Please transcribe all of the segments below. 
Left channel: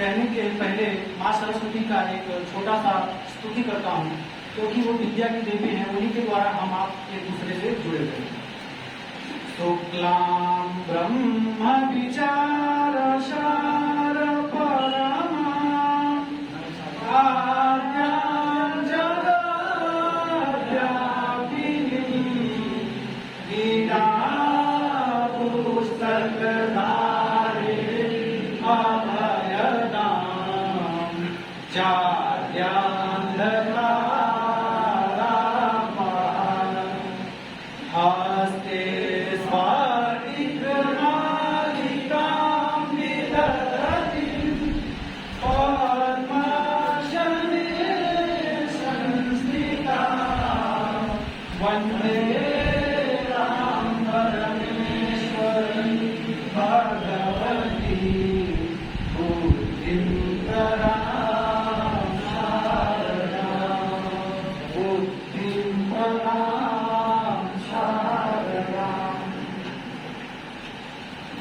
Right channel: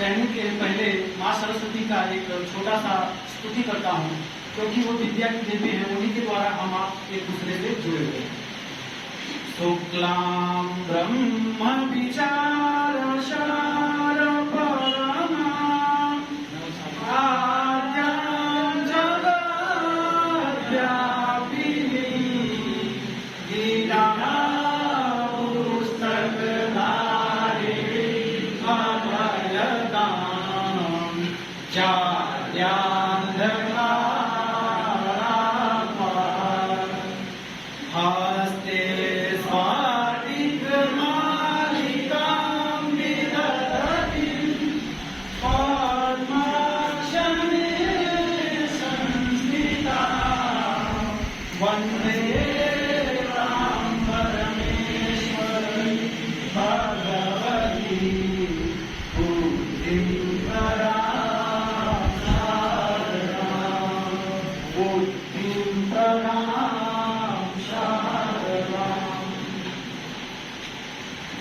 कहने के पहले माँ सरस्वती का एक छोटा सा स्तुति करता हूँ, क्योंकि वो विद्या की देवी हैं, उन्हीं के द्वारा हम आप एक दूसरे से जुड़े हुए हैं। शुक्लां ब्रह्म विचार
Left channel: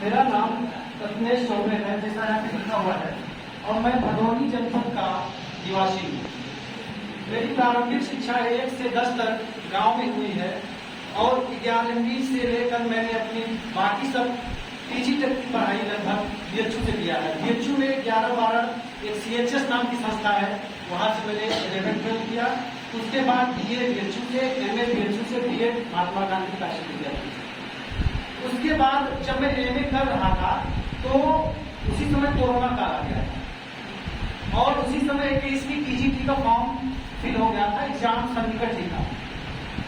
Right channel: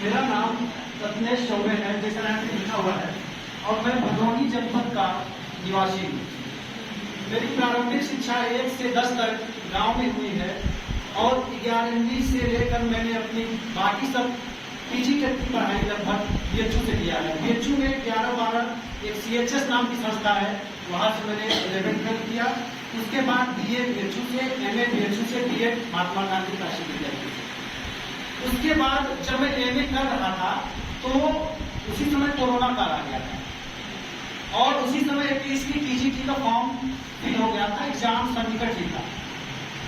मेरा नाम रत्नेश चौबे है, जैसा यहाँ पे लिखा हुआ है, और मैं भदोही जनपद का निवासी हूँ। मेरी प्रारंभिक शिक्षा 1 से 10 तक गांव में हुई है, और 11वीं से लेकर मैंने अपनी बाकी सब पीजी तक की पढ़ाई लगभग बीएचयू से किया है। बीएचयू में 11-12 एक CHS नाम की संस्था है, वहाँ से मैंने 11th किया। उसके बाद BA बीएचयू से, MA बीएचयू से, BEd महात्मा गांधी काशी किया। उसके बाद जब मैं MA कर रहा था तो उसी समय कोरोना काल आ गया था, और उसी समय 21वीं TGT का फॉर्म फिल हो गया था, एग्जाम सन्निकट ही था।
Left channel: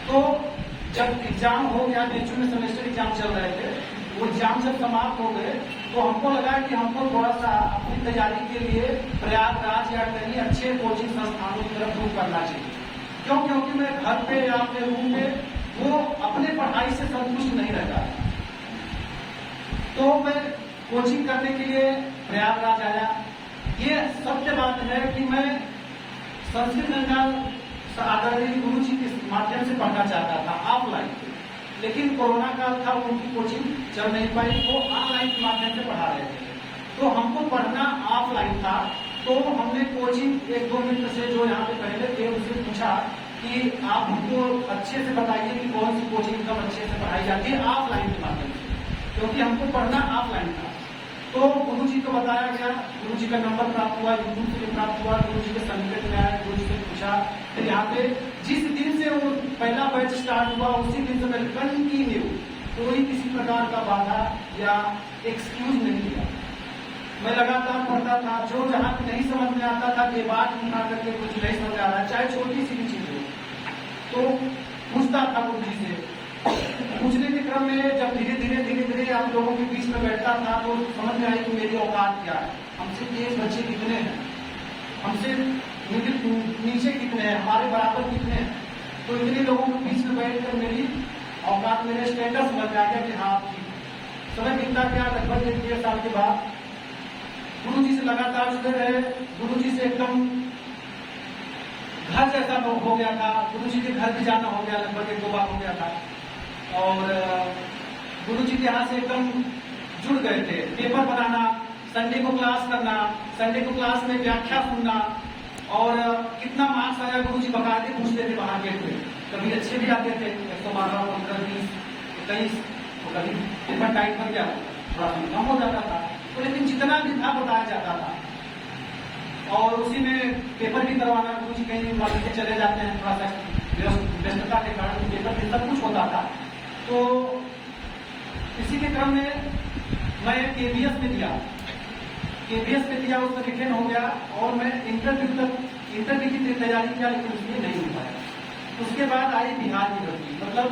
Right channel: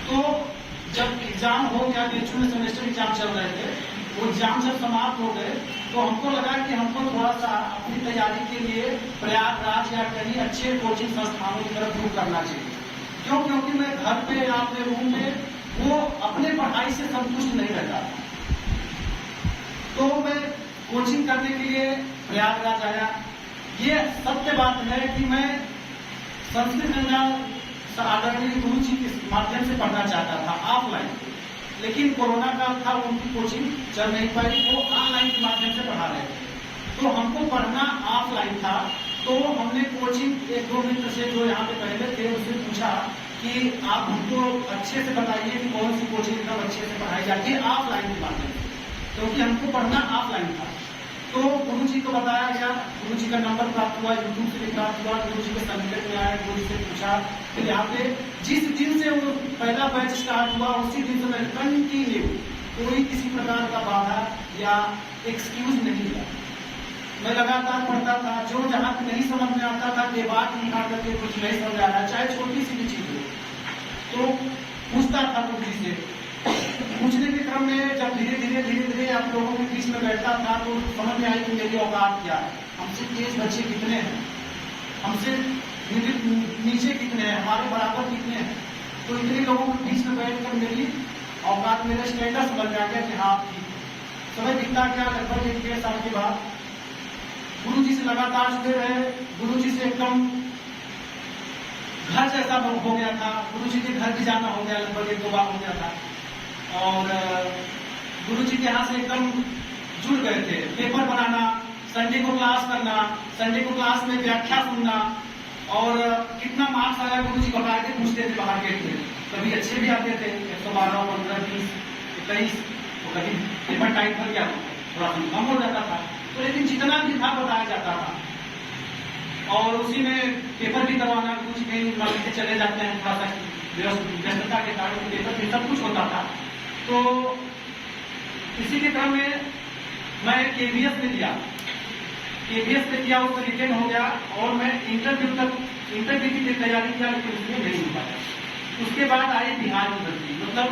तो जब एग्जाम हो गया, बीच में सेमेस्टर एग्जाम चल रहे थे, वो एग्जाम जब समाप्त हो गए तो हमको लगा कि हमको थोड़ा सा अपनी तैयारी के लिए प्रयागराज या कहीं अच्छे कोचिंग संस्थानों की तरफ रुख करना चाहिए। क्यों? क्योंकि मैं घर पे या अपने रूम में वो अपने पढ़ाई से संतुष्ट नहीं रहता। तो मैं कोचिंग करने के लिए प्रयागराज आया। ये सत्य बात है कि मैं संस्कृत गंगा आदरणीय गुरु जी के माध्यम से पढ़ना चाहता था ऑफलाइन, लेकिन कोरोना काल था, उनकी कोचिंग चल नहीं पाई, वो ऑनलाइन के माध्यम से पढ़ा रहे थे। तो हमको पढ़ना ऑफलाइन था, तो हमने कोचिंग 1-2 मित्र से जो यहाँ पे पहले थे उनसे पूछा कि आप हमको अच्छे से बताइए कि कौन सी कोचिंग एकदम अच्छे से पढ़ाई जाती है ऑफलाइन के माध्यम से, क्योंकि हमको पढ़ना ऑफलाइन था। तो गुरु जी को बताया गया, गुरु जी का नंबर प्राप्त हुआ, यूट्यूब से प्राप्त हुआ, गुरु जी के सन्निकट में आया, गुरु जी से पूछा। तो यहाँ पे जिस दिन से वो पहला बैच स्टार्ट हुआ उसी दिन से मैं कंटिन्यू कोई किसी प्रकार का बाधा या एक्सक्यूज नहीं मिला। मैं लगातार पढ़ता था, जो जहाँ नहीं समझ में आता था बात निकाल करके कुछ नहीं समझ आ रहा, चाहे छोटी सी भी चीज हो, तो पूछता था गुरु जी से। पूछने के क्रम में जब धीरे धीरे आप लोगों के बीच में बैठता था तो समझ में आई कि मेरी औकात क्या है, हमसे तेज बच्चे कितने हैं, हमसे नीचे कितने हैं, हमारे बराबर कितने हैं। तो इतने लोगों के बीच में बैठकर मेरी औकात, मेरे स्टैंडर्ड समझ में आ गया कि हाँ ठीक। समय बीतता गया, लगभग 1-1.5 साल के बाद गुरु जी से लगातार जुड़े रहे। गुरु जी से एकदम घर जैसा हो गया था, गुरु जी के घर भी जाना हो गया, लगभग 1-2 बार हो गया था। और गुरु जी के यहाँ से एकदम जुड़ गए थे। पेपर बनाना, संडे को क्लास करना, संडे को क्लास में व्याख्या सुनना, और कितना मार्क्स आ रहा है गुरु जी घबराते पूछते थे बाहर गेट में। कभी अच्छे भी आते थे, 112, 15, 20, 21, तो कभी पेपर टाइम कर गया थोड़ा कम हो जाता था। तो लेकिन जितना भी था बताया जाता था, और उसी में पेपर भी करवाना, गुरु जी कहीं मान के चले जाते हैं, थोड़ा सा व्यस्तता के कारण पेपर भी सब कुछ होता था। तो इसी के क्रम में मैं KBS में दिया, उसमें रिटेन हो गया, और मैं इंटरव्यू की तैयारी किया, लेकिन उसमें नहीं हो पाया। उसके बाद आई बिहार की भर्ती, मतलब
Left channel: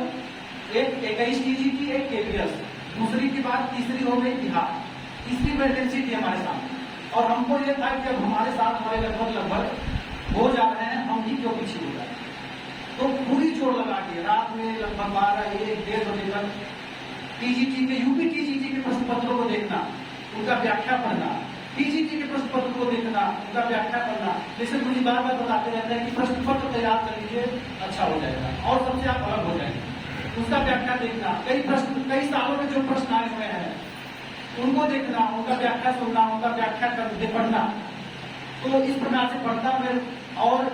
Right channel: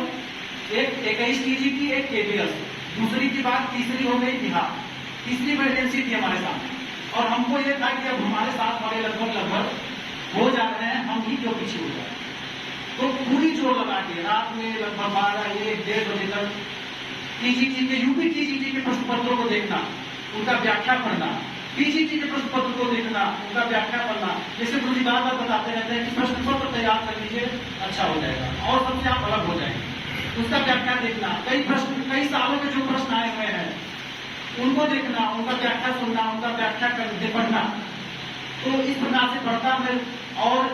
एक 21 TGT, एक KBS, दूसरी की बात तीसरी हो गई बिहार, तीसरी वैकेंसी थी हमारे सामने। और हमको ये था कि अब हमारे साथ वाले लगभग हो जा रहे हैं, हम ही क्यों पीछे हो जाए। तो पूरी जोर लगा के रात में लगभग 12-1-1.5 बजे तक TGT के यूपी TGT के प्रश्न पत्रों को देखना, उनका व्याख्या पढ़ना, PGT के प्रश्न पत्र को देखना, उनका व्याख्या पढ़ना। जैसे गुरु जी बार बताते रहते हैं कि प्रश्न पत्र तैयार कर लीजिए, अच्छा हो जाएगा और सबसे आप अलग हो जाएंगे। उसका व्याख्या देखना, कई सालों में जो प्रश्न आए हुए हैं उनको देखना, उनका व्याख्या सुनना, उनका व्याख्या कर पढ़ना। तो इस प्रकार से पढ़ता मैं। और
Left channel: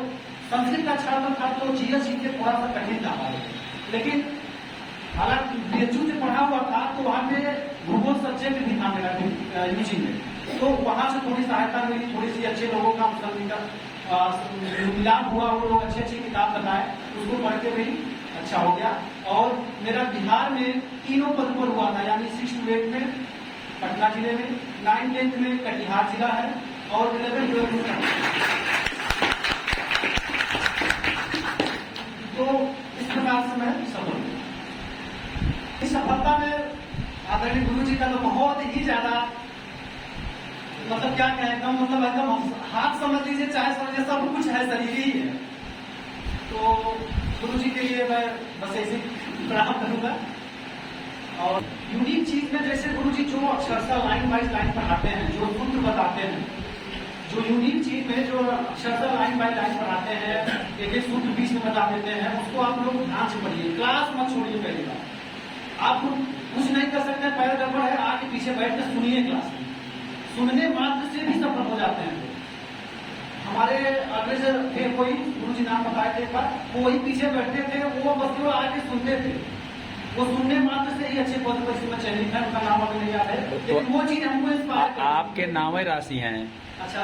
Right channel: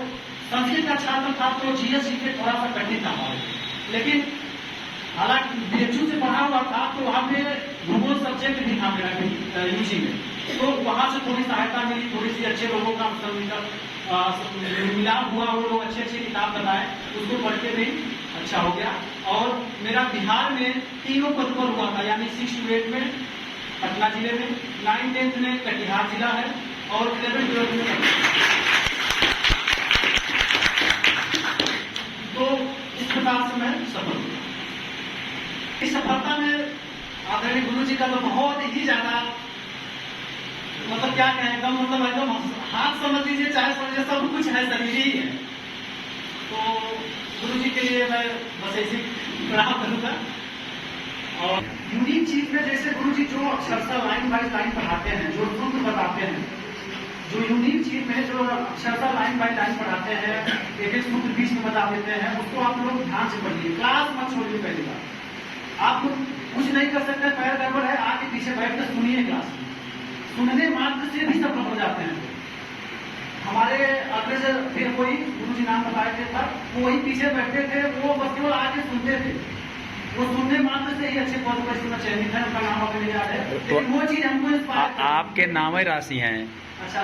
संस्कृत का छात्र था तो जीएस के थोड़ा सा कठिन था हमारे लिए, लेकिन हालांकि बीएचयू से पढ़ा हुआ था तो वहाँ पे भूगोल सब्जेक्ट भी था मेरा यूजी में, तो वहाँ से थोड़ी सहायता मिली, थोड़ी सी अच्छे लोगों का मिलाप हुआ, वो लोग अच्छी अच्छी किताब बताए, उसको पढ़ के भी अच्छा हो गया। और मेरा बिहार में तीनों पद पर हुआ था, यानी 6 to 8 में पटना जिले में, 9-10 में कटिहार जिला है, और 11-12 में। तो इस प्रकार से मैं सफल हुआ। इस सफलता में आदरणीय गुरु जी का तो बहुत ही ज्यादा, मतलब क्या कहें, एकदम मतलब एकदम हाथ समझ लीजिए, चाहे समझिए, सब कुछ है, शरीर ही है। तो गुरु जी के लिए मैं बस ऐसे प्रणाम करूंगा। और यूनिक चीज में जैसे गुरु जी जो अक्षरशः लाइन बाय लाइन पढ़ाते हैं, जो सूत्र बताते हैं, जो यूनिक चीज में जो अक्षरशः लाइन बाय लाइन पढ़ाते हैं, एक एक सूत्र बीच में बता देते हैं, उसको आप लोग ध्यान से पढ़िए, क्लास मत छोड़िए। पहली बार आप कुछ नहीं कर सकते, पैर गड़बड़ है, आगे पीछे बैठ कर सुनिए क्लास में। सुनने मात्र से भी सफल हो जाते हैं। हमारे अग्रज फिर कोई गुरु जी नाम बताए थे था, वो वही पीछे बैठते थे, वो बस केवल आके सुनते थे, वो सुनने मात्र से ही अच्छे पद पर इसमें चयनित है, उनका नाम अभी नहीं याद है, लेकिन वो चीज हमको इंस्पायर। आपके नाम ही राशि हैं। अच्छा,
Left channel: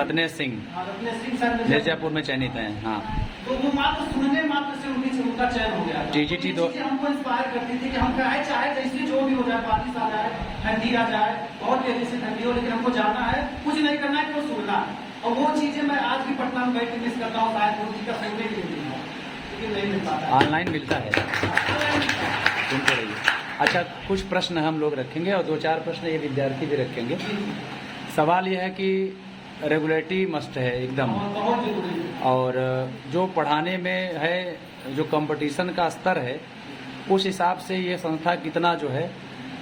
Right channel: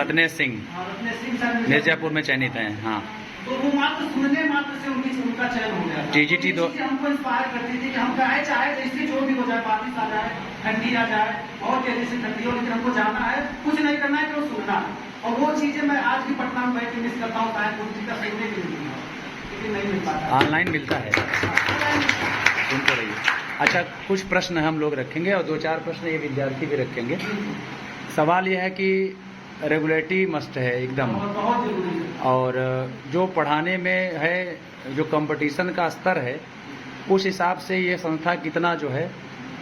रत्नेश सिंह, रत्नेश सिंह सर मिर्जापुर में चयनित हैं। हाँ, तो वो मात्र सुनने मात्र से उनका चयन हो गया। TGT दो हमको इंस्पायर करती थी कि हम चाहे जैसे जो भी हो जाए, बारिश आ जाए, ठंडी आ जाए, बहुत तेजी से ठंडी हो, लेकिन हमको जाना है, कुछ नहीं करना है, केवल सुनना है। और वो चीजें मैं आज भी पटना में बैठ के मिस करता हूँ, शायद गुरु जी का सुनने के लिए, लेकिन नहीं मिल पाता। ऑनलाइन मिलता है, सुनते रहिए। अच्छा, कुछ प्रश्न हम लोग रखेंगे और 2-4 प्रश्न ये विद्यार्थी भी रखेंगे। सवाल यह है कि रेगुलेटरी मस्ट है एकदम, बहुत जरूरी है। और जो पढ़ाने में है, जो कंपटीशन का स्तर है, उस हिसाब से ये संस्था कितना जो है,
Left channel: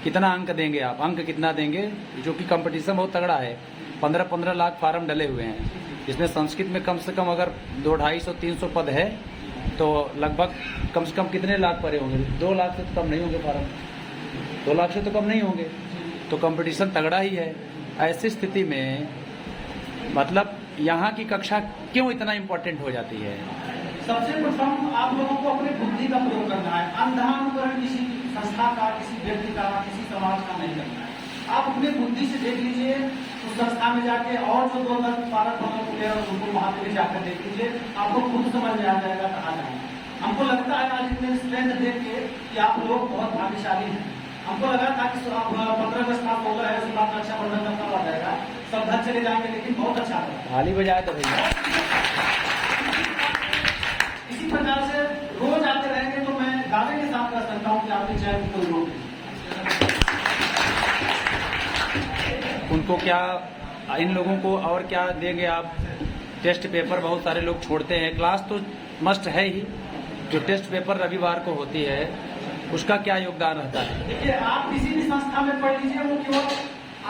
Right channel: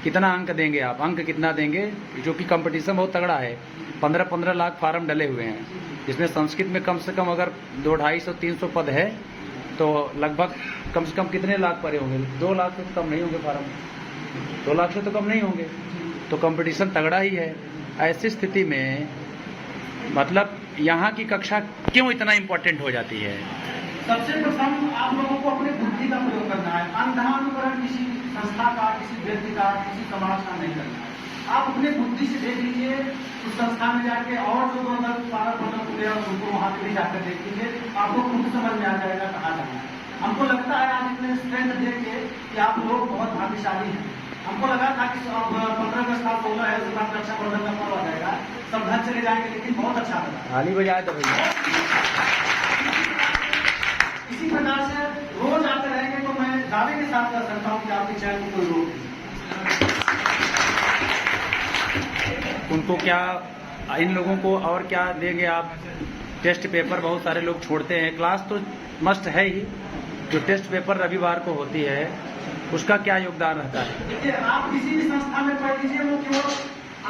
कितना अंक देंगे आप, अंक कितना देंगे? जो कि कंपटीशन बहुत तगड़ा है, 15-15 लाख फार्म डले हुए हैं, जिसमें संस्कृत में कम से कम अगर 200-250-300 पद है तो लगभग कम से कम कितने लाख पड़े होंगे? 2 लाख से तो कम नहीं होंगे फार्म, 2 लाख से तो कम नहीं होंगे। तो कंपटीशन तगड़ा ही है। ऐसी स्थिति में मतलब यहाँ की कक्षा क्यों इतना इम्पोर्टेंट हो जाती है? सबसे प्रथम आप लोगों को अपने बुद्धि का प्रयोग करना है, अंधानुकरण किसी संस्था का, किसी व्यक्ति का, किसी समाज का नहीं करना है। आप अपने बुद्धि से देख लीजिए, उस संस्था में जाके और जो 2-12 प्लेयर उनको वहां पे जाकर देख लीजिए, आपको खुद समझ में आ जाएगा कहाँ जाना है। हमको लगता है आज इतने स्ट्रेंथ देख के कि आप लोग बहुत भाग्यशाली हैं। हमको लगा था कि 15 अगस्त का प्रोग्राम है, उसके बाद अच्छा प्रदर्शन करना हो जाएगा, सब घर चले जाएंगे, लेकिन बहुत अच्छा लगा। थाली बजाए तो भैया। इसी प्रकार से रोज आते रहेंगे तो मैं दावे के साथ कर सकता हूँ कि आपके चयन को कोई रोक नहीं। उनको क्या, इन लोगों को और क्या देंगे आप? टेस्ट पेपर बहुत सारे लोग छोड़ते हैं, क्लास तो मस्ट है ही, जो टेस्ट पेपर रविवार को होती है उसका क्या योगदान रहता है? देखिए, आप किसी भी संस्था में पढ़ लीजिए, वो केवल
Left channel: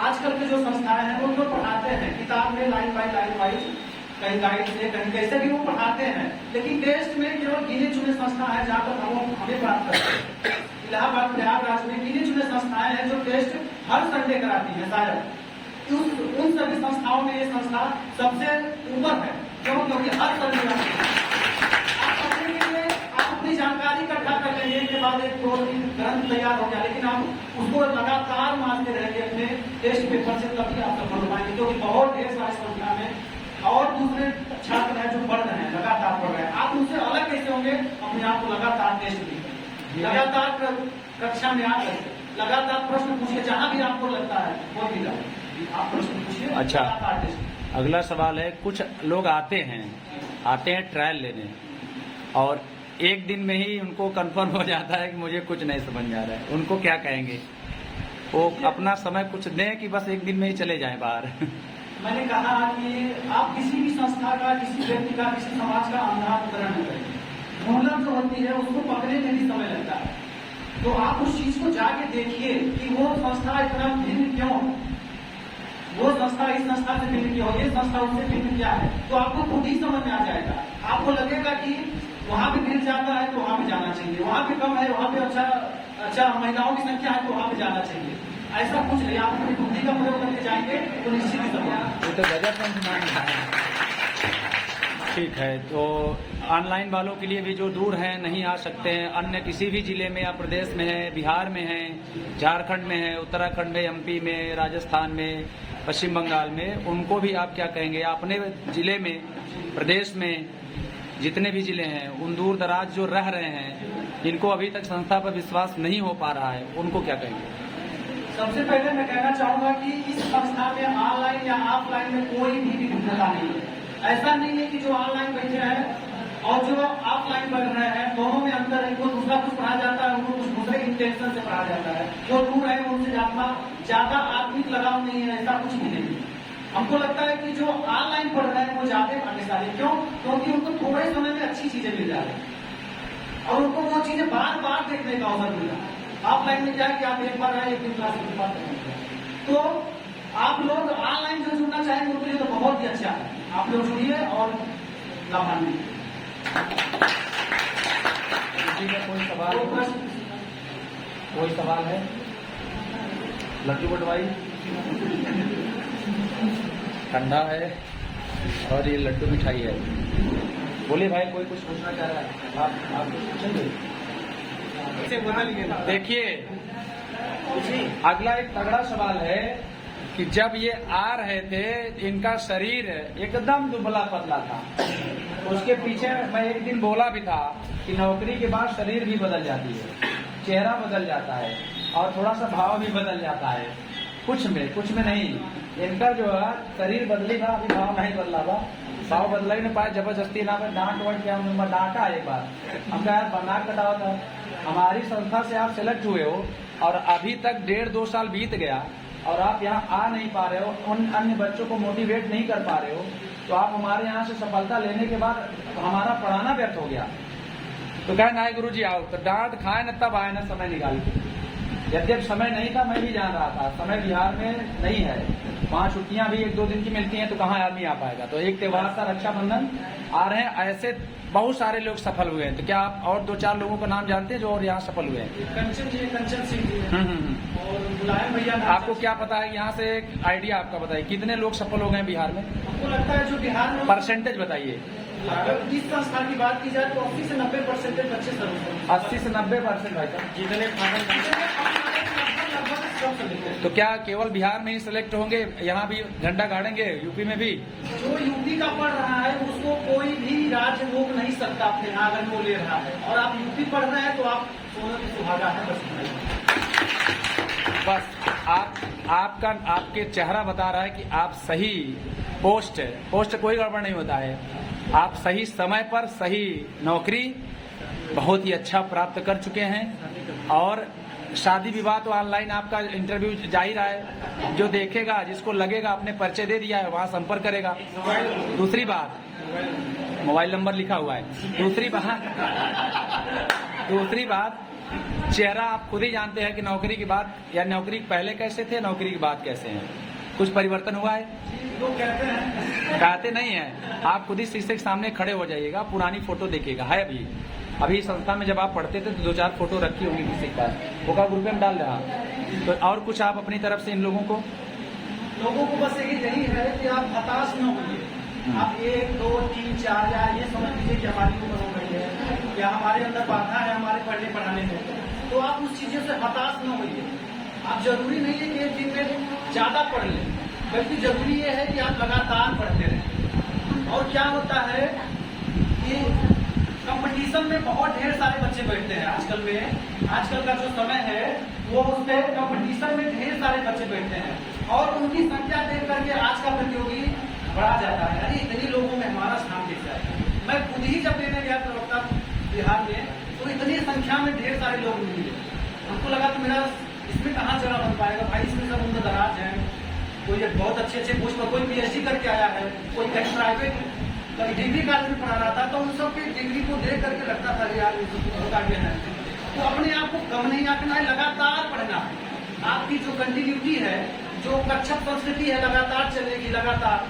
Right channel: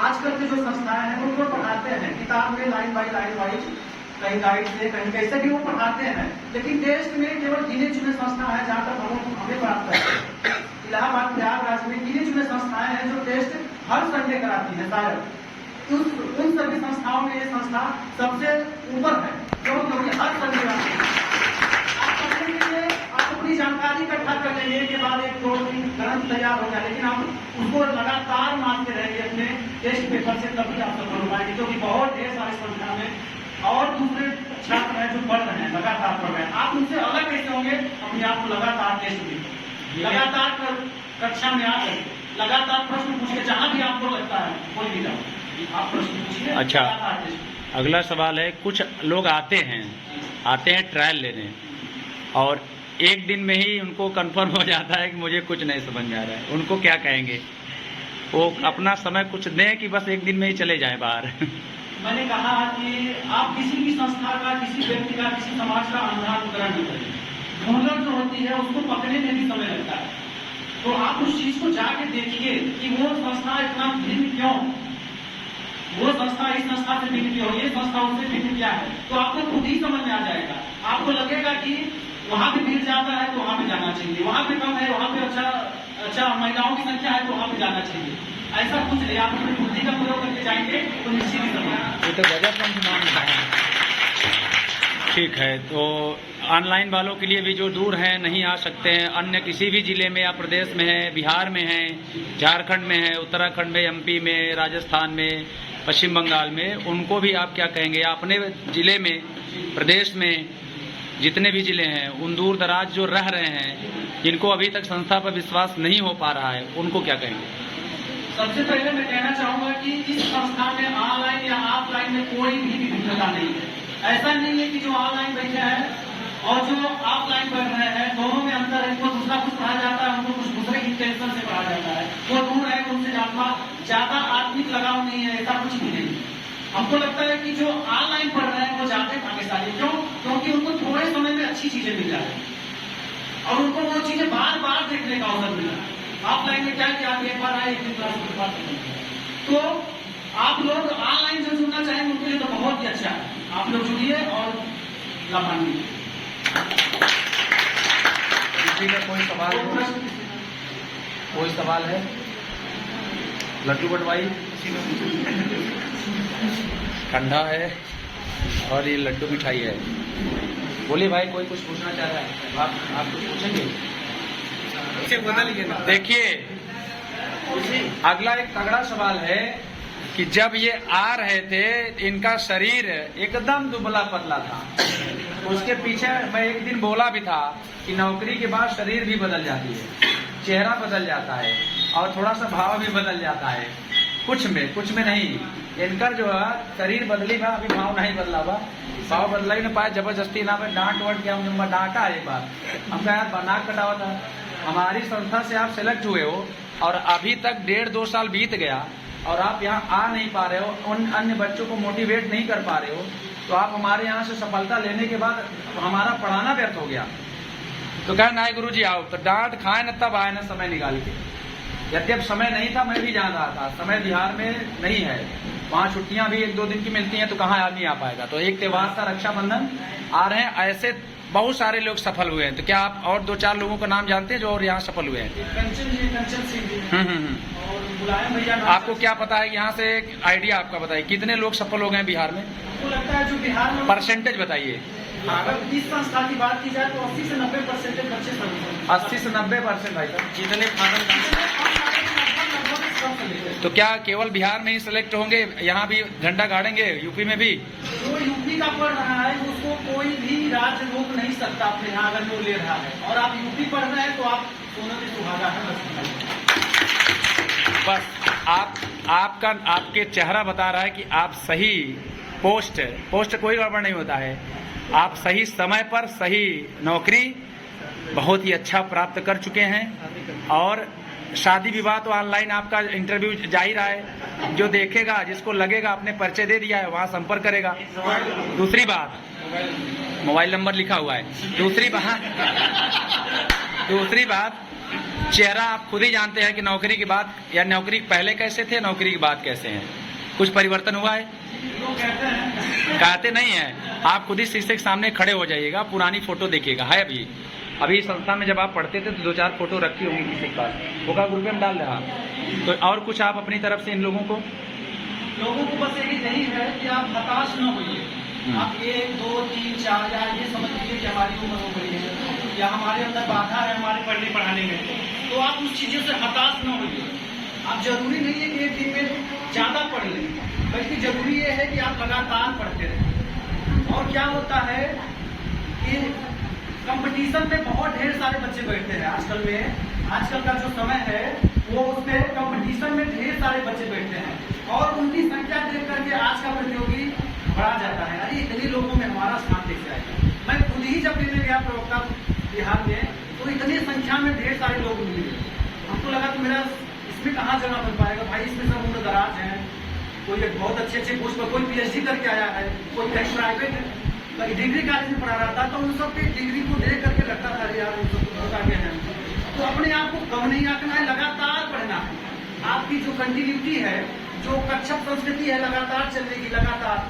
आजकल के जो संस्थाएं हैं वो तो पढ़ाते हैं किताब में लाइन बाय लाइन वाइज, कहीं गाइड से कहीं कैसे भी वो पढ़ाते हैं, लेकिन टेस्ट में केवल गिने चुने संस्था है जहाँ तक हमें बात करते हैं। इलाहाबाद प्रयागराज में गिने चुने संस्थाएं हैं जो टेस्ट हर संडे कराती है शायद। उन सभी संस्थाओं में ये संस्था सबसे ऊपर है, क्योंकि हर संडे आप अपनी जानकारी इकट्ठा कर लेंगे, के बाद 1-2 दिन ग्रंथ तैयार हो गया, लेकिन आप उसको लगातार मानते रहेंगे अपने टेस्ट पेपर से, तभी आप सफल हो पाएंगे। क्योंकि बहुत ढेर सारी संख्या में और दूसरे छात्र हैं जो पढ़ रहे हैं, लगातार पढ़ रहे हैं, आप उनसे अलग कैसे होंगे? अपने आप को लगातार टेस्ट पेपर, लगातार कक्षा में आकर लगातार प्रश्न पूछिए, जहाँ भी आपको लगता है बोल दीजिए, आप प्रश्न पूछिए। अच्छा, अगला सवाल है, कुछ लोग आते हैं ट्रायल लेने, और एक दिन में ही उनको कंफर्म हो जाता है कि मुझे कुछ नहीं समझ में आ रहा है, उनको क्या कहेंगे? वो अपना समय कुछ दें कि बस एक दिन में ही चले जाएं बाहर? मैंने कहा कि आप किसी भी संस्था का, किसी व्यक्ति का, किसी समाज का अंधानुकरण न करें। ढोलक जो होती है उसको पकड़ने में भी समय लगता है, तो आप उस चीज को जाके देखिए कि वो संस्था इतना भिन्न क्यों, वो संस्था इस संस्था से भिन्न क्यों, ये संस्था उससे भिन्न क्या है, तो आपको खुद ही समझ में आ जाएगा। आपको लगेगा कि वहाँ पे मिल जाता है तो वहाँ पे जाना चाहिए, वहाँ पे कम है, वहाँ पे अच्छा महिलाओं की संख्या है तो वहाँ पे जाना चाहिए। ऐसा कुछ नहीं, आप अपनी बुद्धि का प्रयोग करके जाएंगे तो निश्चित ही सफल होंगे। ये तो गजब पंच नाम बताया। ठीक है, तो ऑनलाइन वालों के लिए भी जो दूर हैं नहीं आ सकते हैं, अन्य किसी भी जिले में या प्रदेश में हैं, बिहार में हैं, झारखंड में हैं, उत्तराखंड में, एमपी में, राजस्थान में, पश्चिम बंगाल में, उनको भी आप क्या कहेंगे? अपने जिले में, प्रदेश में जितने भी जिले हैं, उन दूर दराज जो रह रहे हैं, जिनको अभी तक संस्था पर विश्वास नहीं हो पा रहा है, उनको क्या कहेंगे? सबसे पहले मैं कहना चाहूंगा कि इस संस्था में ऑनलाइन या ऑफलाइन में कोई भी विभिन्नता नहीं है। ऐसा नहीं है कि जो ऑनलाइन बैठे हैं और जो ऑफलाइन पढ़ रहे हैं दोनों में अंतर है। कोई दूसरा कुछ पढ़ा जाता है, उनको कुछ दूसरे इंटेंशन से पढ़ा जाता है, वो दूर है, उनसे ज्यादा आत्मिक लगाव नहीं है, ऐसा कुछ भी नहीं। हमको लगता है कि जो ऑनलाइन पढ़ रहे हैं वो ज्यादा भाग्यशाली, क्यों? क्योंकि उनको थोड़े समय में अच्छी चीजें मिल जाए और उनको वो चीजें बार बार देखने का अवसर मिला। ऑफलाइन में क्या कि आप एक बार आए, एक दिन क्लास, तो आप लोग ऑनलाइन जो जुड़ना चाहेंगे उनके लिए तो बहुत ही अच्छा है। आप लोग जुड़िए और लाभान्वित। किसी का कोई सवाल हो? कोई सवाल है? लड्डू बंटवाई ठंडा है और ये लड्डू मिठाई है। बोलिए भाई, कोई कुछ पूछना चाह रहा है? आप कुछ पूछेंगे? देखिए, अगला एक तगड़ा सवाल है कि जब ये आ रहे थे इनका शरीर एकदम दुबला पतला था। उसके पीछे मैं एक दिन बोला भी था कि नौकरी के बाद शरीर भी बदल जाती है, चेहरा बदल जाता है और थोड़ा सा भाव भी बदल जाता है। कुछ में नहीं। इनका जो है शरीर बदली बा, अभी भाव नहीं बदला बा। भाव बदला ही नहीं पाए, जबरदस्ती ना पाए, डांट वाट के हम डांटा एक बार, हम कहा नाक कटावा था। हमारी संस्था से आप सेलेक्ट हुए हो और अभी तक 1.5-2 साल बीत गया और आप यहाँ आ नहीं पा रहे हो, उन अन्य बच्चों को मोटिवेट नहीं कर पा रहे हो, तो आप हमारे यहाँ से सफलता लेने के बाद हमारा पढ़ाना व्यर्थ हो गया। तो कहे नहीं गुरु जी आओ, तो डांट खाए न तब आए न समय निकाल के। यद्यप समय नहीं था, मैं भी जान रहा था, समय बिहार में नहीं है, वहाँ छुट्टियां भी 1-2 दिन की मिलती हैं, तो कहाँ आदमी आ पाएगा। तो एक त्योहार था रक्षाबंधन, आ रहे हैं, ऐसे बहुत सारे लोग सफल हुए हैं। तो क्या आप और 2-4 लोगों का नाम जानते हैं जो और यहाँ सफल हुए हैं? कंचन सिंह और मुलायम भैया। आपको क्या पता है? यहाँ से एक आइडिया आपका बताइए, कितने लोग सफल हो गए बिहार में? हमको लगता है जो बिहार में परसेंटेज बताइए। अगर इस संस्था की बात की जाए तो 80 से 90% बच्चे सफल। 80 से 90% भाई साहब, जितने तो क्या केवल बिहार में ही सिलेक्ट होंगे? यहाँ भी झंडा गाड़ेंगे, यूपी में भी? जो यूपी का पढ़ रहा है उसको कोई भी राज्य रोक नहीं सकता अपने यहाँ, अगर वो ले रहा है। और आप यूपी पढ़ रहे हैं तो आप सोने की सुहागा है। बस आपके चेहरा बता रहा है कि आप सही पोस्ट कोई गड़बड़ नहीं होता है। आप सही समय पर सही नौकरी बहुत ही अच्छा प्राप्त कर चुके हैं। और शादी विवाह तो ऑनलाइन आपका इंटरव्यू जा ही रहा है, जो देखेगा जिसको लगेगा आपने परिचय दे दिया है वहाँ संपर्क करेगा। दूसरी बात, मोबाइल नंबर लिखा हुआ है। दूसरी बात, चेहरा आप खुद ही जानते हैं कि नौकरी की बात या नौकरी पहले कैसे थे, नौकरी की बात कैसे हैं। कुछ परिवर्तन हुआ है? कहते नहीं है, आप खुद ही शीशे के सामने खड़े हो जाइएगा, पुरानी फोटो देखिएगा। है अभी संस्था में जब आप पढ़ते थे तो 2-4 फोटो रखी होंगी किसी के पास, वो का ग्रुप में डाल रहा। तो और कुछ आप अपनी तरफ से इन लोगों को बस यही है कि आप हताश न होइए। आप 1, 2, 3, 4 या ये समझ लीजिए कि हमारी उम्र हो गई है या हमारे अंदर बाधा है हमारे पढ़ने पढ़ाने में, तो आप उस चीजों से हताश न होइए। आप जरूरी नहीं है कि एक दिन में ज्यादा पढ़ लें, बल्कि जरूरी ये है कि आप लगातार पढ़ते रहें। और क्या होता है कि कंपटीशन में बहुत ढेर सारे बच्चे बैठते हैं आजकल का जो समय है वो उसमें कंपटीशन में ढेर सारे बच्चे बैठते हैं और उनकी संख्या देख करके आज का प्रतियोगी बढ़ा जाता है। अरे इतने लोगों में हमारा स्थान दिख रहा है। मैं खुद ही जब लेने गया प्रवक्ता बिहार में तो इतनी संख्या में ढेर सारे लोग मिले। हमको लगा कि मेरा इसमें कहाँ जगह बन पाएगा भाई, इसमें सब उनके दराज हैं। कोई एक बहुत अच्छे पोस्ट पर, कोई PhD करके आया है, कोई कहीं प्राइवेट डिग्री कॉलेज में पढ़ा रहा था, तो उन सब की डिग्री को देख करके लगता था यार बहुत आगे है। तो अपने आप को कम नहीं आंकना है, लगातार पढ़ना है। आपकी जो कंटिन्यूटी है, जो कक्षक संस्कृति है, लगातार चलेगी, लगातार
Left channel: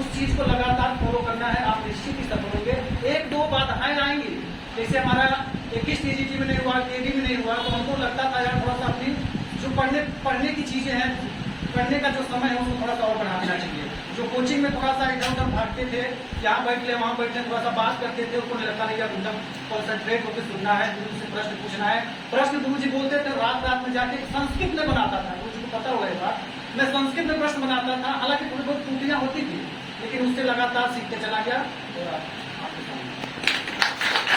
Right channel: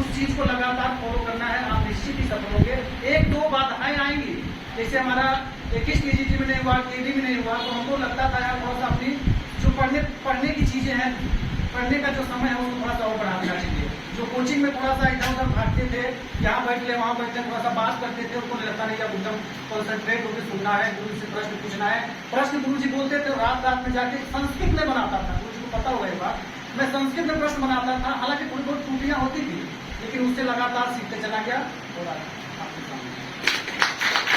उस चीज को लगातार फॉलो करना है। आप निश्चित ही सफल होंगे। 1-2 बाधाएं आएंगी, जैसे हमारा 21 TGT में नहीं हुआ, TD में नहीं हुआ, तो हमको लगता था यार थोड़ा सा अपनी जो पढ़ने की चीजें हैं, पढ़ने का जो समय है उसको थोड़ा सा और बढ़ा देना चाहिए। जो कोचिंग में थोड़ा सा इधर उधर भागते थे, यहाँ बैठ ले वहाँ बैठ ले, थोड़ा सा बात करते थे, उनको नहीं लगता नहीं अब एकदम कॉन्सेंट्रेट होकर सुनना है, गुरु से प्रश्न पूछना है। प्रश्न गुरु जी बोलते थे, रात रात में जाके संस्कृत में बनाता था, गुरु जी को पता होगा ये बात। मैं संस्कृत में प्रश्न बनाता था, हालांकि थोड़ी बहुत त्रुटियां होती थी, लेकिन उससे लगातार सीखते चला गया। और आपके सामने